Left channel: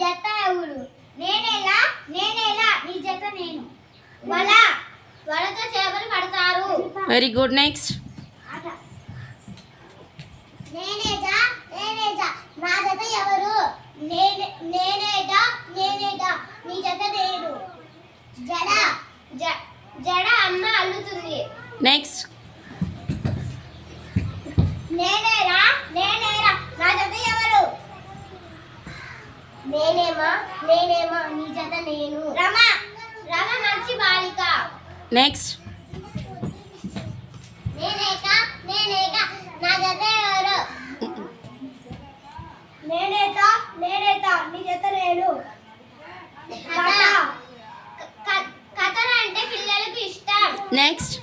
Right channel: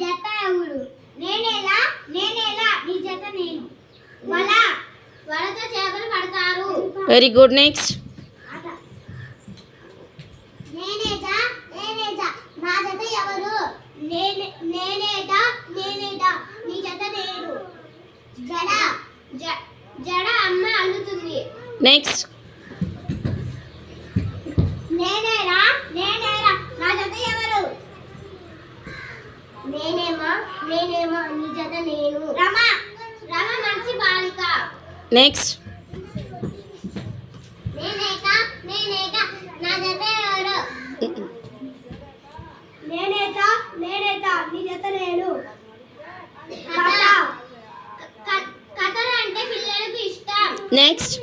జత ఎవరు? నేనేలా నీ జత నేను. వలతో చేపలు పడతారు. Very good. నెక్స్ట్. నేనేటా నా జత ఎవరు? నేనేటా నీ జత నేను. జడ అమ్మ అల్లుతుంది. నెక్స్ట్. నేనేరా నా జత ఎవరు? నేనేమా నీ జత నేను. రమ మంచి బాలిక. నెక్స్ట్. నేనేటా నా జత ఎవరు? నేనేటా నీ జత నేను. కథ అంటే పిల్లలకు ఇష్టం. నెక్స్ట్.